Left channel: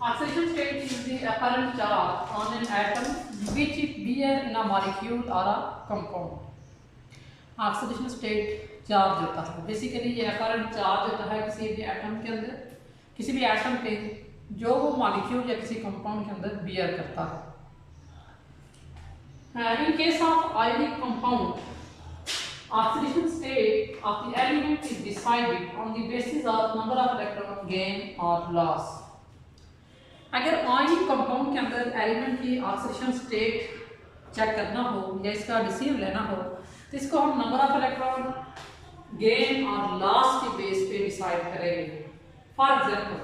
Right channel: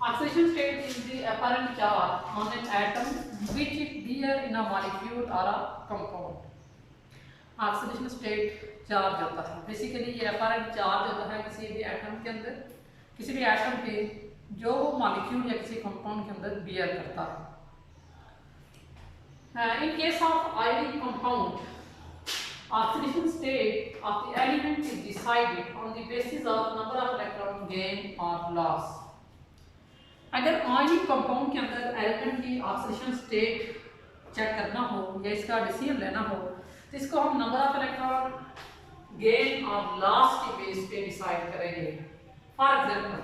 Oxidation state is the apparent charge on an atom which it bear in a molecule or a compound. Oxidation state charge होता है, basically ये apparent charge होता है किसी भी atom के अंदर, किसी भी एटम पे जो वो मॉलिक्यूल या किसी कंपाउंड के अंदर बियर करता है। इन case of ionic compound, oxidation state of the element is decided on the basis of number of electron gain or loss. अगर आयनिक कंपाउंड के अंदर एलिमेंट की ऑक्सीडेशन स्टेट चेक करना हो या इसका डिसीजन लेना हो तो इसको हम नंबर ऑफ इलेक्ट्रॉन गेन और लॉस के बेस पे डिसाइड करेंगे। For example,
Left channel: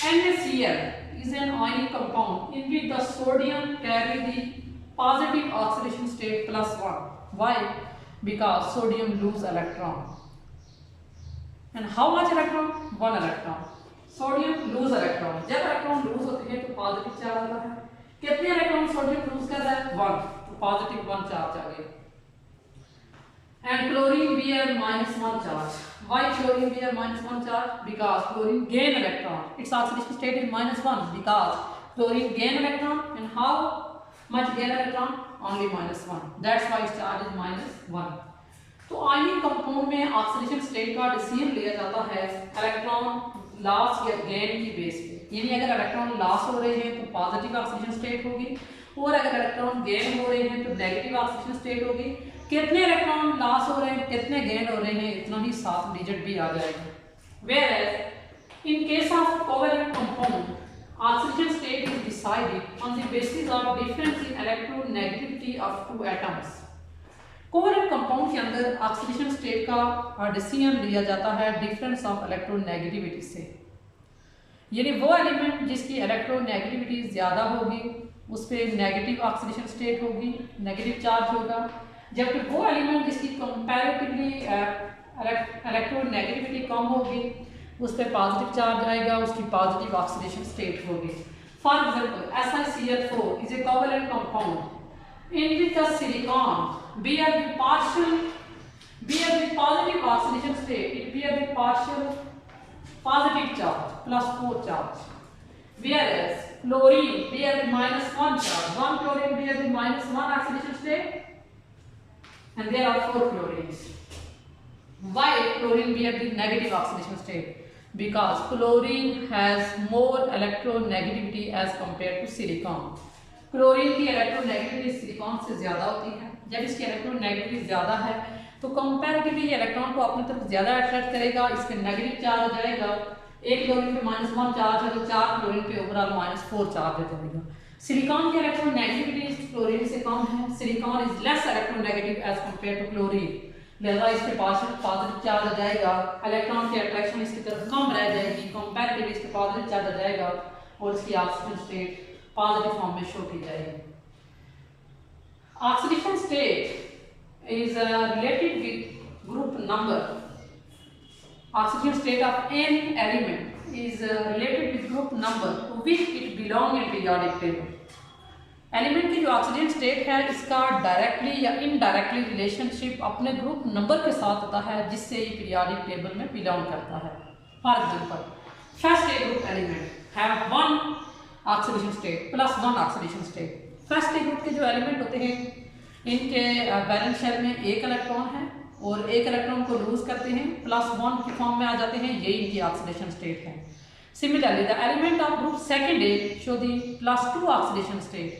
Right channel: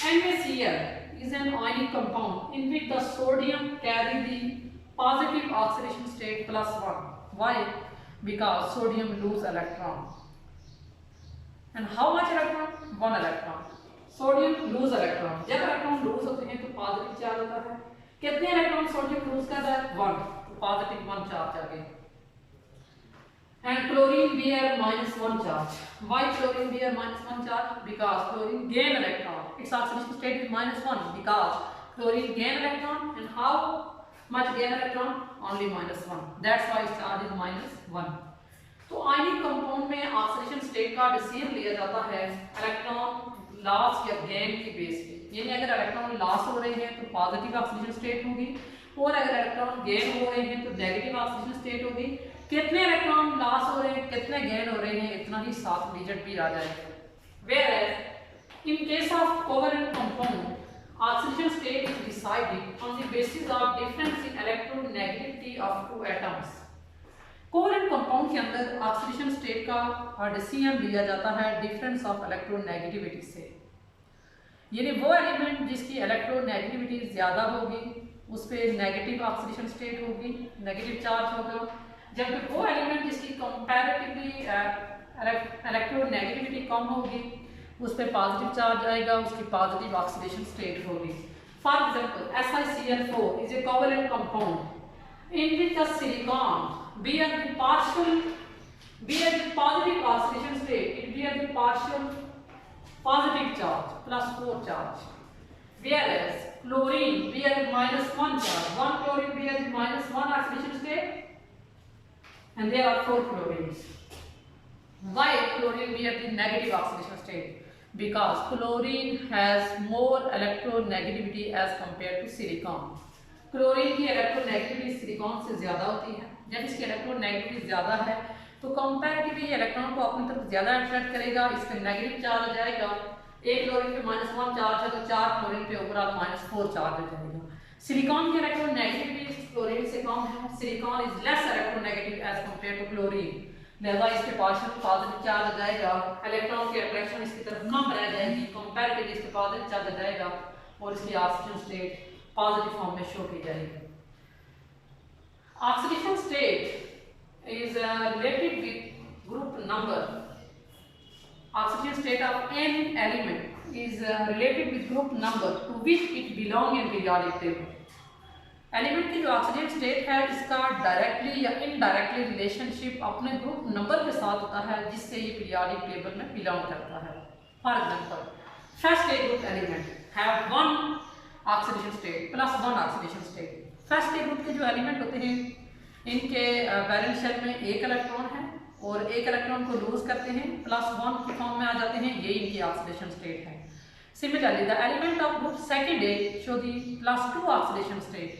NaCl is an ionic compound in which the sodium carry the positive oxidation state +1. Why? Because sodium lose electron. And how much electron? 1 electron. Sodium loose electron, जब electron lose होते हैं तो positive charge आता है। कितने electron sodium loose कर रहा है? 1, तो पॉजिटिव 1 चार्ज आ गया। And chlorine bear -1 charge. Why chlorine bear -1 charge? Because chlorine gain electron. Its oxidation state is -1 because chlorine gain electron. And how much gain electron? Only -1. That's why its charge is -1. तो ionic compound में oxidation state का decision लिया जाता है electron loss या gain की base पे, यानी अगर इलेक्ट्रॉन लॉस हो रहे हैं तो पॉजिटिव ऑक्सीडेशन स्टेट होगी और अगर इलेक्ट्रॉन गेन हो रहे हैं तो नेगेटिव ऑक्सीडेशन स्टेट होगी। कितने इलेक्ट्रॉन लॉस हो रहे हैं, कितने गेन हो रहे हैं, इतना ही 7 डिजिट भी आ जाएगा। Whereas in case of covalent compound, oxidation state is decided on the basis of difference in electronegativity of 2 atoms. Covalent compound के अंदर ऑक्सीडेशन स्टेट का डिसीजन लिया जाता है डिफरेंस ऑफ इलेक्ट्रोनेगेटिविटी से, यानी वो एलिमेंट जिसकी इलेक्ट्रोनेगेटिविटी ज़्यादा होगी उस पर नेगेटिव ऑक्सीडेशन स्टेट होगी, नेगेटिव चार्ज होगा, जबकि वो एलिमेंट जिसकी कंपैरेटिवली इलेक्ट्रोनेगेटिविटी कम होगी उस पर पॉजिटिव चार्ज आएगा, उसकी पॉजिटिव ऑक्सीडेशन स्टेट होगी। For example, SiCl4 is a covalent compound in which the silicon bear the positive oxidation state. It bear the partial positive charge +4 charge, whereas chlorine bear the -1 charge. One chlorine bear the -1 oxidation state and there are 4 chlorines. Why chlorine bear the negative oxidation state? Because chlorine has more electronegativity as compared to silicon. Chlorine की electronegativity silicon से ज़्यादा होती है। जब इसकी electronegativity ज़्यादा है तो कंपैरेटिवली ये इलेक्ट्रॉन को अपनी तरफ ज़्यादा अट्रैक्ट करेगा, इस पर नेगेटिव चार्ज आ जाएगा। एक क्लोरीन पे -1 चार्ज है तो 4 क्लोरीन पे ओवरऑल -4 चार्ज आ जाएगा। सिलिकॉन की इलेक्ट्रोनेगेटिविटी क्लोरीन से कम है, silicon is less electronegative as compared to chlorine, लिहाजा इस पे पार्शियल पॉजिटिव चार्ज आ जाएगा, इलेक्ट्रॉन की अट्रैक्शन इसकी तरफ कम रह जाएगी, कंपैरेटिवली इस पे पॉजिटिव चार्ज आ जाएगा और इसकी ऑक्सीजन स्टेट पॉजिटिव फॉर्म में शो की जाएगी। Oxidation state is related with group number. Oxidation state of any element is related with group number two which it belong in periodic table. Element की जो oxidation state है इसका directly या indirectly relationship अपने group number के साथ होता है जिससे ये पीरियोडिक टेबल में बिलोंग करता है। For example, first A group element have 1 oxidation state +1 oxidation state. First A group के जो एलिमेंट होते हैं इनके वैलेंस शेल में 1 इलेक्ट्रॉन है और 1 इलेक्ट्रॉन को लूज करते हैं, +1 की फॉर्म में आ जाते हैं, यही इनकी ऑक्सीडेशन स्टेट है। Similarly the element of group second A show the +2 oxidation state.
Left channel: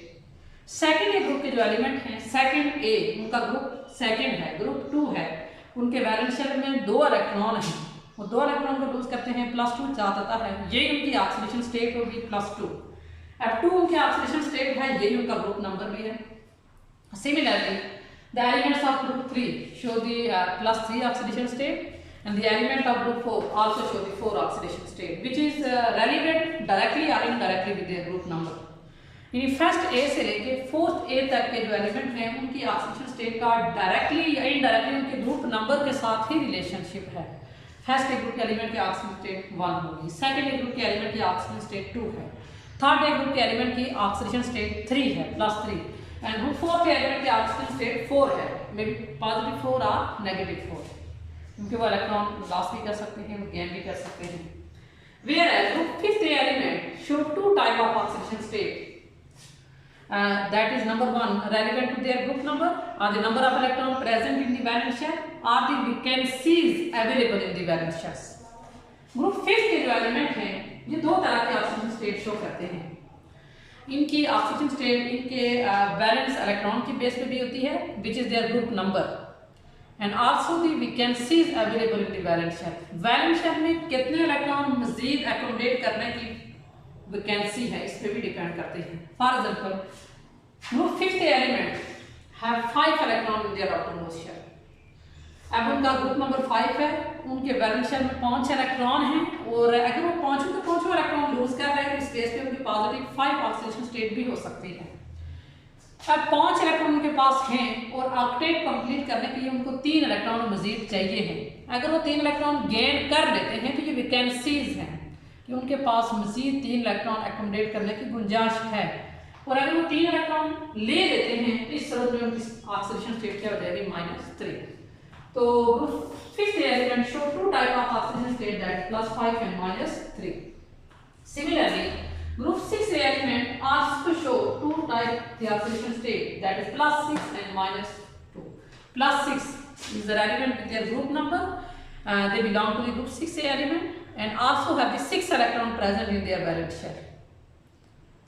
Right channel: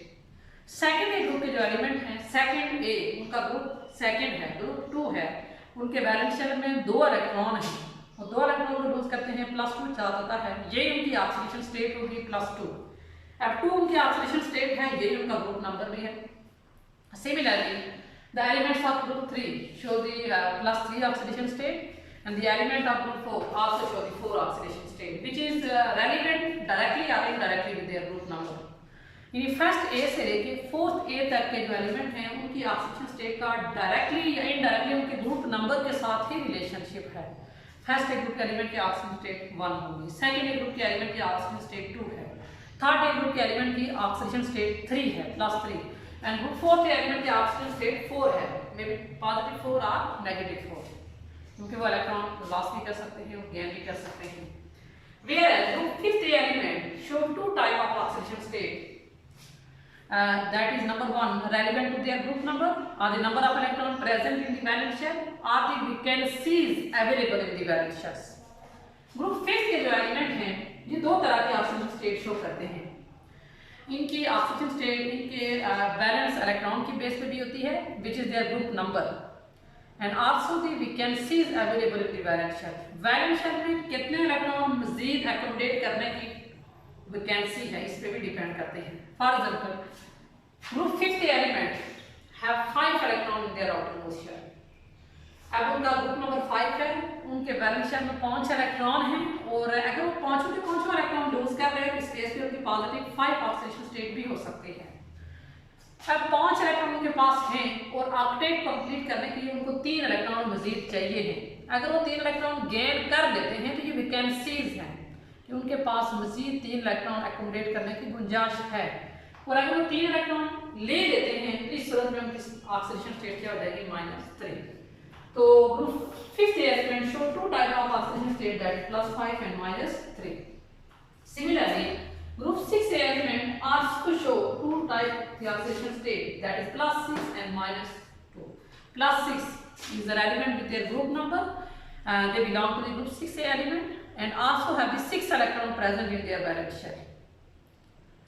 Second A group के जो एलिमेंट हैं, सेकंड ए उनका ग्रुप सेकंड है, ग्रुप 2 है, उनके वैलेंस शेल में 2 इलेक्ट्रॉन हैं और 2 इलेक्ट्रॉन को लूज करते हैं, +2 चार्ज आता है, यही उनकी ऑक्सीडेशन स्टेट होगी +2। F2 उनकी ऑक्सीडेशन स्टेट है, यही उनका ग्रुप नंबर भी है। Similarly the elements of group 3 show the +3 oxidation state and the element of group 4 also show the 4 oxidation state which is relevant directly और indirectly with their group number. यानी first A से लेके 4th ए तक के जो element हैं उनकी oxidation state का डायरेक्टली या इनडायरेक्टली उनके ग्रुप नंबर के साथ ही रिलेशनशिप है। फर्स्ट ए ग्रुप के एलिमेंट की ऑक्सीडेशन स्टेट 1 होगी, सेकंड ए ग्रुप के एलिमेंट की ऑक्सीडेशन स्टेट 2 है, थर्ड ए ग्रुप के एलिमेंट की ऑक्सीडेशन स्टेट 3 है +3 एंड फोर्थ एलिमेंट की ऑक्सीडेशन स्टेट 4 है, मे बी पॉजिटिव 4 और नेगेटिव 4, क्योंकि वो इलेक्ट्रॉन लॉस भी कर सकते हैं, गेन भी कर सकते हैं। Whereas group fifth element show two type of oxidation state. That is number one, relevant to their group number, are the number of electron present in the valence shell, are the vacancies available in the valence shells. Group 5 के जो element हैं ये दो तरह के oxygen state show करते हैं. इनकी ऑक्सीजन स्टेट इनके वैलेंस इलेक्ट्रॉन की बेस पे भी होती है, which is their group number, and also the vacancies available in the valence shell. Valence shell में कितने इलेक्ट्रॉन मजीद एकोमोडेट करने की वैकेंसी है इस पे भी डिपेंड करते हैं. फॉर एग्जांपल, ग्रुप 5 के element have 5 electron in their outermost shell. अब उनका ग्रुप नंबर 5 है, उनके वैलेंस शेल में 5 इलेक्ट्रॉन हैं, और अगर वो पांचों के पांचों इलेक्ट्रॉन लूज कर रहे हैं तो स्पेस पे उनकी पॉजिटिव 5 ऑक्सीडेशन स्टेट भी हो सकती है. अब 5 इलेक्ट्रॉन उनके पास हैं और ऑक्टेट कंप्लीट करने के लिए उनको 3 इलेक्ट्रॉन मजीद चाहिए हैं. अगर वो 3 इलेक्ट्रॉन गेन कर लेते हैं तो ये वैकेंसीज हैं कि उनके पास मजीद 3 इलेक्ट्रॉन एकोमोडेट करने की गुंजाइश है. और अगर वो 3 इलेक्ट्रॉन ले लेते हैं तो इस सूरत में उनकी ऑक्सीडेशन स्टेट क्या हो जाएगी, -3. तो group 5 element show two type of oxygen state, that +5 and -3. Similarly, group 6 element also show two type the oxidation state, that is +6 and -2. +6 is relevant with their group number, they belong to the group 6 element and also have the 6 electron present in their valence shell.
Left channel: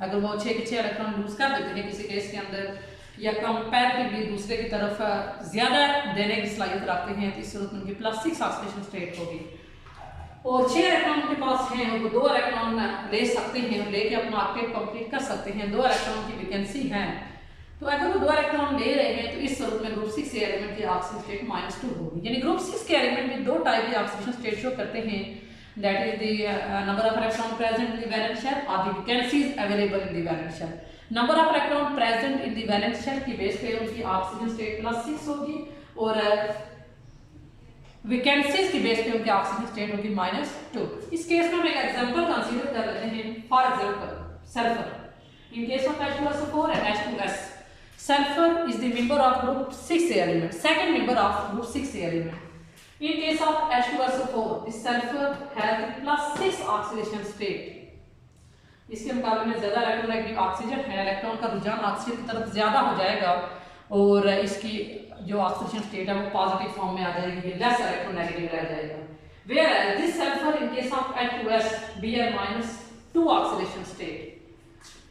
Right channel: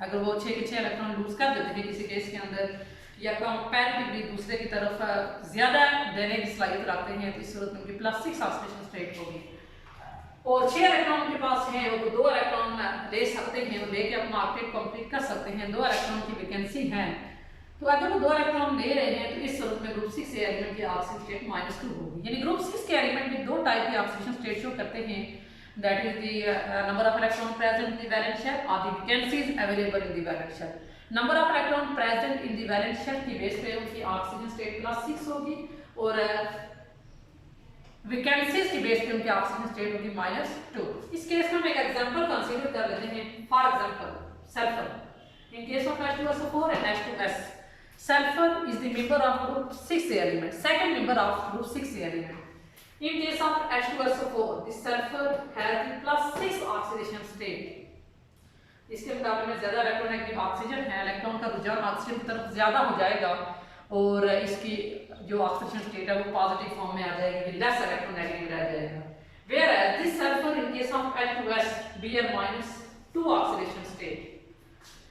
अगर वो 6 के 6 electron lose कर देते हैं किसी case के अंदर, या कंपैरेटिवली दूसरे की तरफ ज्यादा देने की सलाहियत रखते हैं, तो इस सूरत में उनकी +6 ऑक्सीडेशन स्टेट होगी. और 6 इलेक्ट्रॉन के पास हैं और वो 2 इलेक्ट्रॉन ले सकते हैं और लेके अपना ऑक्टेट कंप्लीट कर सकते हैं. 2 इलेक्ट्रॉन की वैकेंसी है, तो अगर वो 2 इलेक्ट्रॉन ले रहे हैं तो इस सूरत में ग्रुप 6 एलिमेंट की ऑक्सीजन स्टेट -2 होगी. यानी ग्रुप 6 के एलिमेंट में 2 टाइप की ऑक्सीडेशन स्टेट शो करते हैं, that is the number of electron present in the valence shell और the vacancies available in the valence shell. Number of electron present in the valence shell की base पे उनकी oxygen state +6 होगी, और vacancies की base पे उनकी oxygen state होगी -2. इस केस में हम एक एग्जांपल कंसीडर कर लेते हैं. For example, sulphur. In case of H2SO4 and H2S, sulfur is the member of group 6 element, second member of group 6 element. In case of H2SO4, the sulfur has the +6 oxidation state. इसके मुकाबले में ज्यादा electronegative oxygen है, electron का रुझान oxygen की तरफ ज्यादा हो जाएगा और इसकी जो ऑक्सीडेशन स्टेट है वो पॉजिटिव फॉर्म में आ जाएगी, ये लेस इलेक्ट्रोनेगेटिव रह जाएगा. Whereas this sulfur in case of H2S bear -2 oxidation state.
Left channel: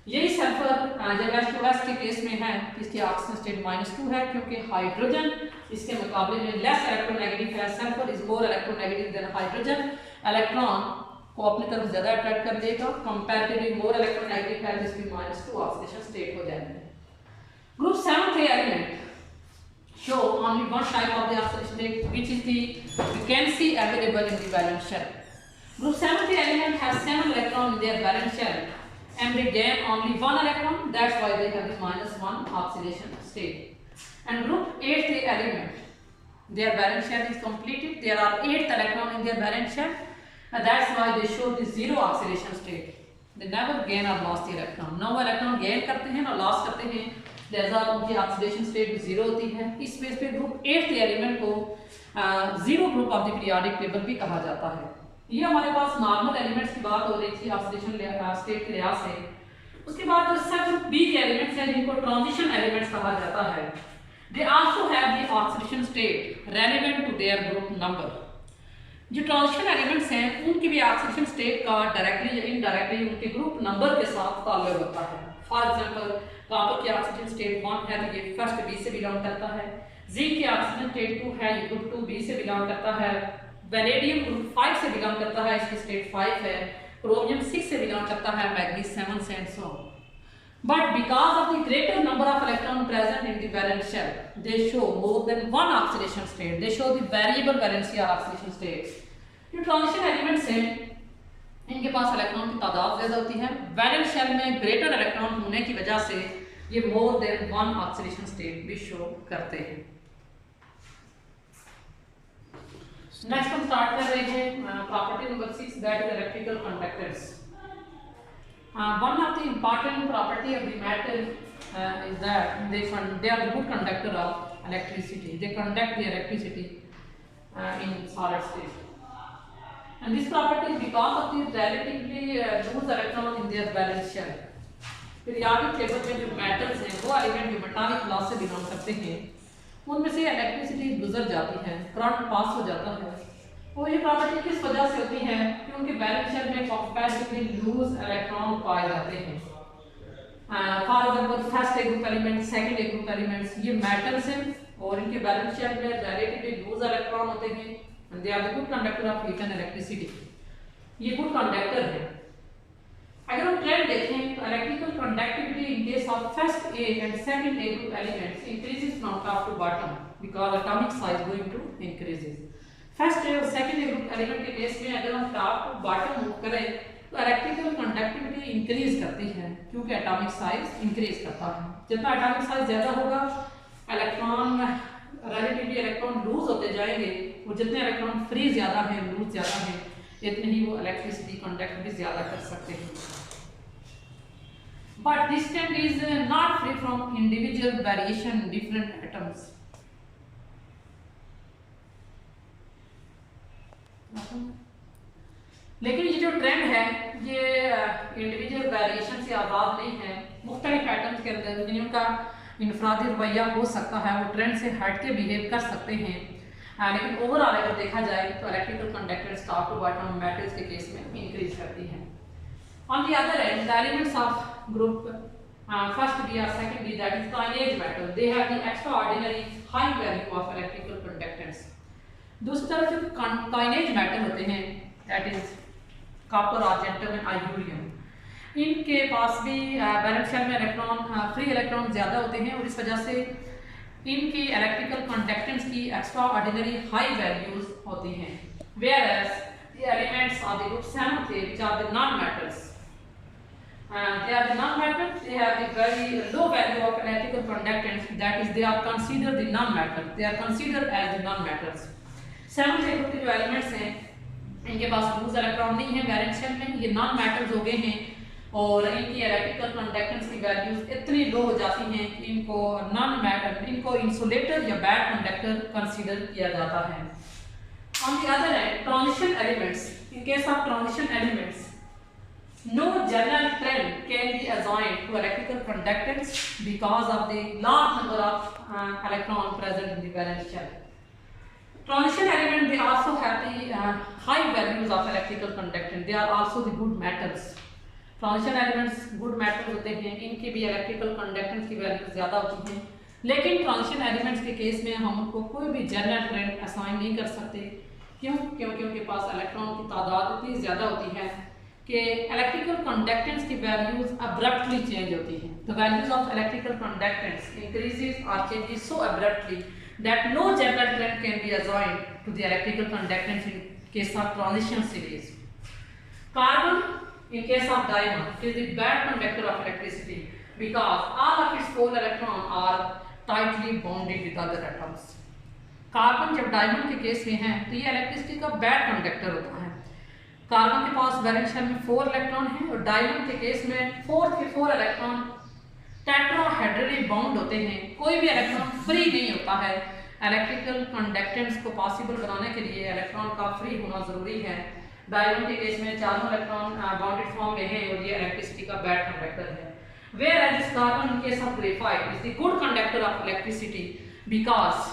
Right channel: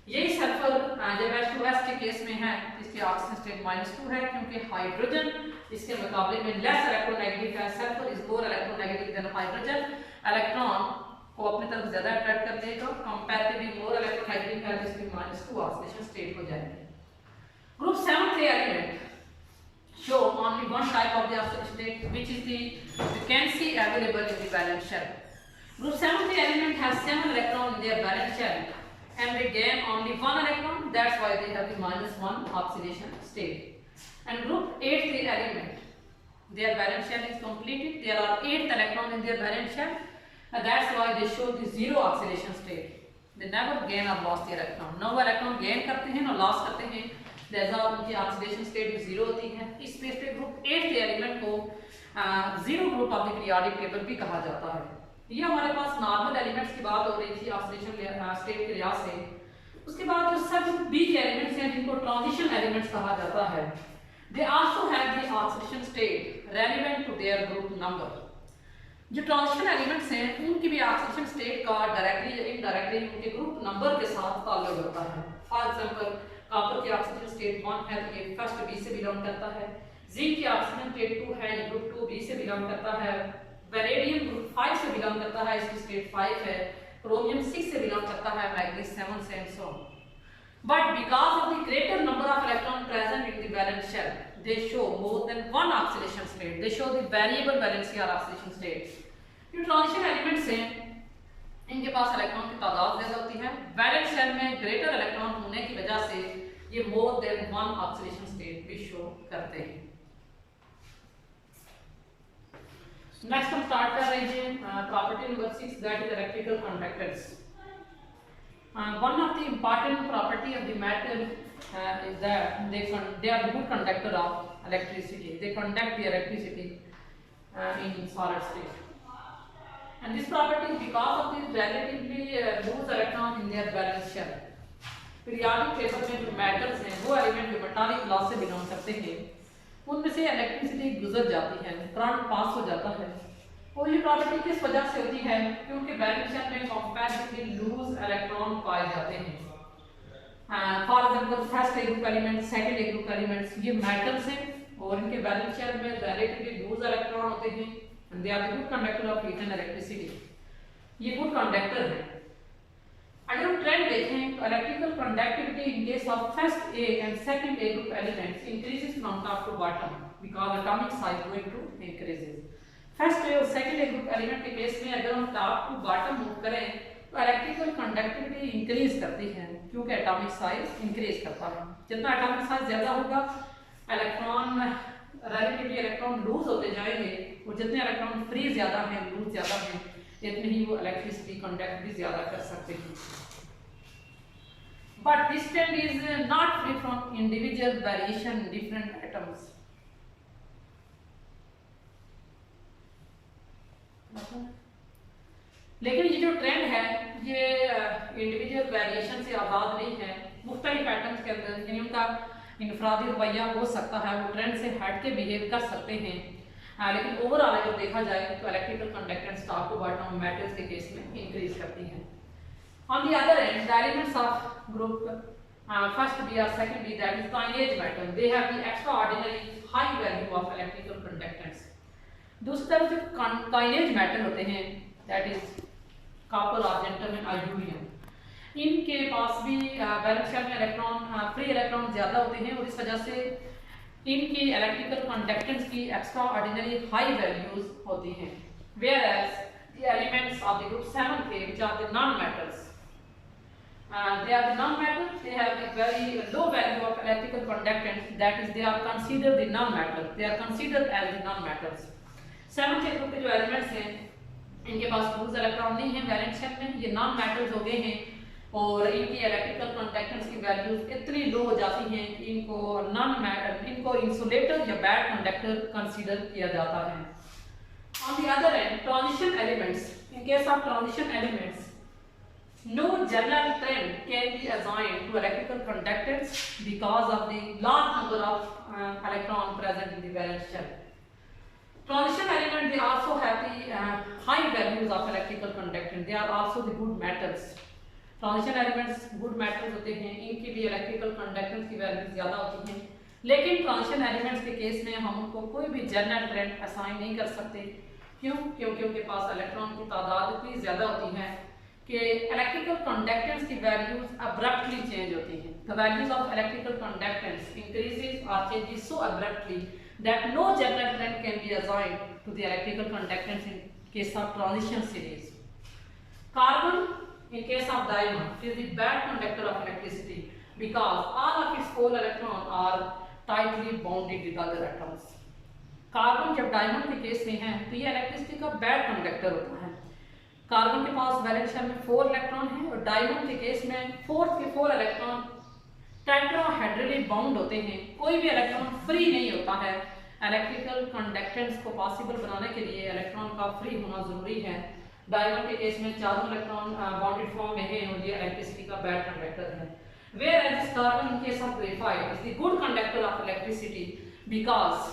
यही सल्फर जब H2S के केस में है इसकी ऑक्सीजन स्टेट -2 है, क्योंकि हाइड्रोजन इसके मुकाबले में लेस इलेक्ट्रोनेगेटिव है. Sulphur is more electronegative than hydrogen. Electron को अपनी तरफ ज्यादा अट्रैक्ट कर देगा, कंपैरेटिवली मोर इलेक्ट्रोनेगेटिव है तो इसकी -2 ऑक्सीडेशन स्टेट हो जाएगी. Group 7 element show only one type of the oxidation state, which is the vacancy available in the valence shell. Group 7 element has 7 electrons in their valence shell and they gain only 1 electron, that's why they have the -1 oxidation state. And group 8 element, their valence shell is completed, there are 8 electrons in their valence shell, and that's why they show the 0 oxidation state. They never gain or lost the electron. No electron gain करते हैं ना loss करते हैं, लिहाजा उनकी oxidation state भी 0 होती है. इस बेस पे ग्रुप 8 एलिमेंट को 0 group of the periodic table भी कहा जाता है. ये हमारे पास नॉर्मल एलिमेंट्स की बात हो रही थी ऑक्सीडेशन स्टेट के लिहाज से. उसके बाद जो सब ग्रुप बी के एलिमेंट्स हैं जिनको ट्रांजिशन एलिमेंट्स कहा जाता है, they also have the oxidation state relevant to their group number. जो ट्रांजिशन एलिमेंट्स हैं उनकी भी ऑक्सीडेशन स्टेट का डायरेक्टली या इनडायरेक्टली उनके ग्रुप नंबर के साथ ताल्लुक होता है. फॉर एग्जांपल, कॉपर की ऑक्सीजन स्टेट 1 है तो ये फर्स्ट बी से बिलोंग करता है. जिंक की ऑक्सीजन स्टेट 2 है, ये ग्रुप 2 बी से बिलोंग करता है. वेनेडियम ग्रुप 5 से बिलोंग करता है, इसकी स्टेट 5 है. क्रोमियम 6 से बिलोंग करता है, मैग्नीज 7 से and so on. But because of the greater number of electrons present in the valence shell, they show more than one oxidation state. They show the variable valency or oxidation states. जो transition elements हैं इनके पास electron की तादाद ज्यादा होती है. Valence shell में greater electron होने की वजह से ये more than one oxidation state भी शो करते हैं. नेक्स्ट हम स्टार्ट कर रहे हैं property number 6, that is electrical conductance. One of the important property of the metal is that they are the good conductor of electricity. They conduct the electricity in solid state. and this property is because of the relatively loose electron in their valence shell. Periodic table में जो metals हैं वो element जो metallic class से belong करते हैं उनमें से इलेक्ट्रिसिटी गुजर जाती है, करंट पास हो जाता है। और ये प्रॉपर्टी किस वजह से होती है कि उनके वैलेंस शेल में कंपैरेटिवली लूज इलेक्ट्रॉन पाए जाते हैं। For example first A group element, second A group elements, ये मेटल्स हैं और इनके वैलेंस शेल में रिलेटिवली लूज इलेक्ट्रॉन होते हैं and they are the good conductor of heat and electricity. ये गुड कंडक्टर है। अगर हम ट्रेंड देखें तो electrical conductivity in case of first A and second A group elements increases from top to bottom because atomic size going to increases. First A और second A group element के case में अगर हम top to bottom move करें तो electrical conductivity increase करती है क्योंकि एटॉमिक साइज इंक्रीज करता है। जितना एटॉमिक साइज ज्यादा होगा इलेक्ट्रॉन रिलेटिवली इलेक्ट्रॉन लूज होते जाएंगे और जितने इलेक्ट्रॉन फ्री ज्यादा हैं, लूज ज्यादा हैं, इतने ही वो इलेक्ट्रिसिटी कंडक्ट भी ज्यादा कर सकते हैं। But this trend is not free from individual variation in different atoms. लेकिन ये जो ट्रेंड है ये इंडिविजुअल वेरिएशन से आज़ाद नहीं है। मुख्तलिफ एटम्स के अंदर यानी उनका इनफरादी रवैया हो सकता है, वो ट्रेंड से हट के बिहेव कर सकते हैं। लेकिन ओवरऑल अगर देखा जाए तो electrical conductance top to bottom metals के केस में इंक्रीज करती है। On the other end the elements of group first B और second B that is coinage metal they have the extraordinary high value of electrical conductance. दूसरी तरफ जो coinage metal होते हैं that is copper, argentum and aurum, इनके पास भी valence shell में इलेक्ट्रॉन फ्री इलेक्ट्रॉन ज़्यादा होते हैं और इस वजह से इनकी इलेक्ट्रिकल कंडक्टेंस की एक्स्ट्रा ऑर्डिनरी हाई वैल्यूज होती हैं। Whereas the elements of the group 7 थे which are the non metals, they are the non-metals, they have the very low value of electrical conductance, that is they are considered the non-metal, they are considered as the non-metals। 7th group के जो elements हैं इनके पास loose electron नहीं है valence shell में, ये non metals हो गए हैं और इनकी इलेक्ट्रिकल कंडक्टेंस की वैल्यूज इतनी लो हो जाती हैं कि इनको नॉन मेटल, इनको इंसुलेटर या बैड कंडक्टर कंसीडर किया जाता है। On the other hand transition elements, in case of transition elements no general trend can be assigned to electrical conductance because of the large number of electron present in the valence shell. Transition element they also have the high values of electrical conductance, they are also the good metals। Transition elements good metals होते हैं, इनकी भी electrical conductance की value ज़्यादा होती हैं। लेकिन transition elements के केस में हम उनको कोई भी जनरल ट्रेंड असाइन नहीं कर सकते। क्यों? क्योंकि उनके पास इलेक्ट्रॉन की तादाद इतनी ज़्यादा होती है कि इलेक्ट्रिकल कंडक्टेंस की वैल्यूज अब्रप्टली चेंज होती हैं। The values of electrical conductance increases और changes so abruptly that no general trend can be assigned to the electrical conductance in case of transition series. Carbon in case of diamond is the bad conductor of electricity because all of its pole electron are tightly bonded with other atoms। Carbon जब diamond के case में है तो ये electricity का bad conductor होता है। Carbon के पास वैलेंस शेल में 4 इलेक्ट्रॉन है और डायमंड के केस में 4 के 4 इलेक्ट्रॉन टेट्राहेड्रली बाउंड होते हैं, कोई भी इलेक्ट्रॉन फ्री नहीं होता है। इलेक्ट्रिकल कंडक्टेंस को पॉसिबल बनाने के लिए इलेक्ट्रॉन का फ्री होना जरूरी है। डायमंड के केस में चारों इलेक्ट्रॉन बॉन्डेड फॉर्म में है और ये इलेक्ट्रिसिटी का बैड कंडक्टर है। Whereas carbon in case of graphite is the good conductor of electricity because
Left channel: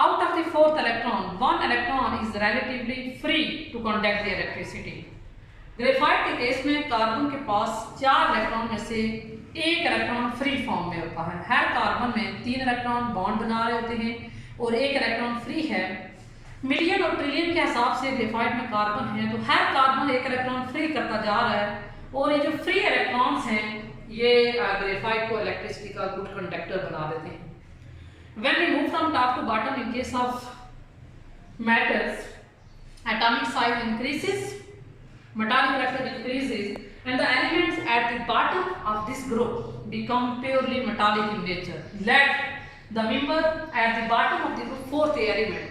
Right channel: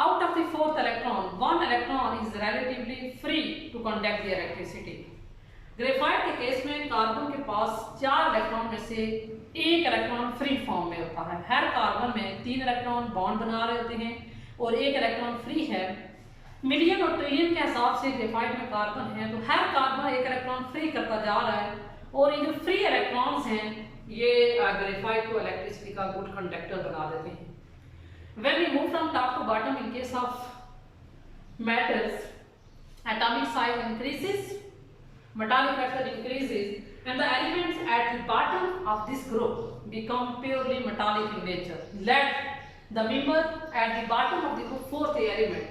out of the 4th electron, 1 electron is relatively free to conduct the electricity। Graphite के case में carbon के पास 4 electron में से 1 electron free form में होता है। हर carbon में 3 electron bond बना रहे होते हैं और 1 इलेक्ट्रॉन फ्री है। मिलियन और ट्रिलियन के हिसाब से ग्रेफाइट में कार्बन है तो हर कार्बन 1 इलेक्ट्रॉन फ्री करता जा रहा है और ये जो फ्री इलेक्ट्रॉन्स हैं ये ग्रेफाइट को इलेक्ट्रिसिटी का गुड कंडक्टर बना देते हैं। When we move from top to bottom in case of metals, atomic size increases, metallic vector increases, and the elements at the bottom of this group become purely metallic in nature. Let the member at the bottom of the group 4th element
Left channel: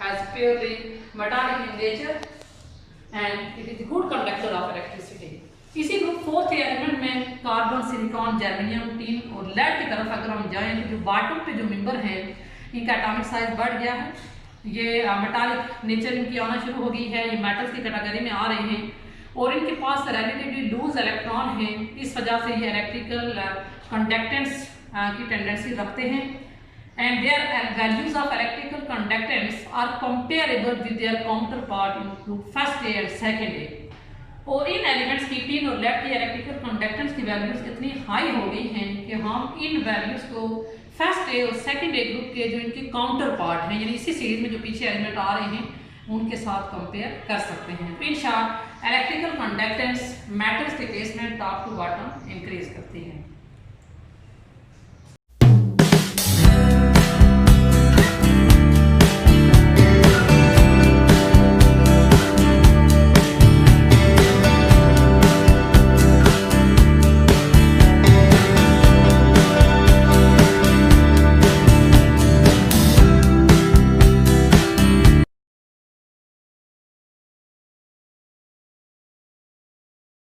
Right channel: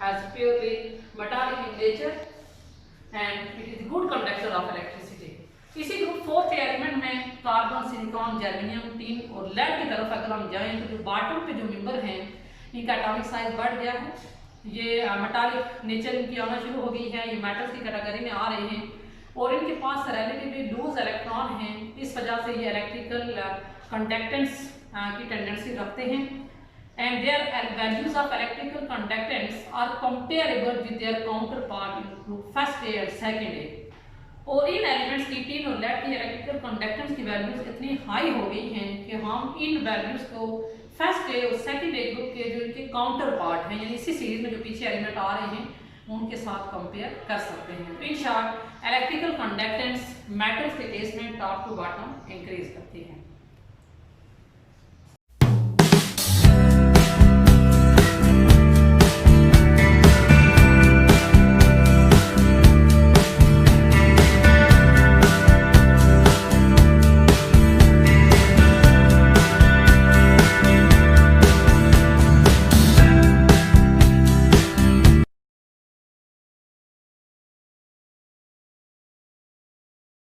has purely metallic in nature and it is a good conductor of electricity। इसी group 4th element में carbon, silicon, germanium, tin और lead की तरफ अगर हम जाएं तो जो बॉटम पे जो मेंबर हैं इनका एटॉमिक साइज बढ़ गया है ये मेटालिक नेचर इनकी आना शुरू हो गई है, ये मेटल्स की कैटेगरी में आ रहे हैं और इनके पास रिलेटिवली लूज इलेक्ट्रॉन हैं, इस वजह से ये इलेक्ट्रिकल कंडक्टेंस की टेंडेंसी रखते हैं and their values of electrical conductance are comparable with their counterpart in group first A and second A। और इन एलिमेंट्स की टीन और लेड की इलेक्ट्रिकल कंडक्टेंस की वैल्यूज इतनी हाई हो गई हैं कि हम इन वैल्यूज को फर्स्ट ए और सेकंड ए ग्रुप के जो इनके काउंटर पार्ट हैं, यानी इसी सीरीज में जो पीछे एलिमेंट आ रहे हैं, उनके साथ कंपेयर कर सकते हैं। तो in short electrical conductance metals के केस में टॉप टू बॉटम इंक्रीज करती है।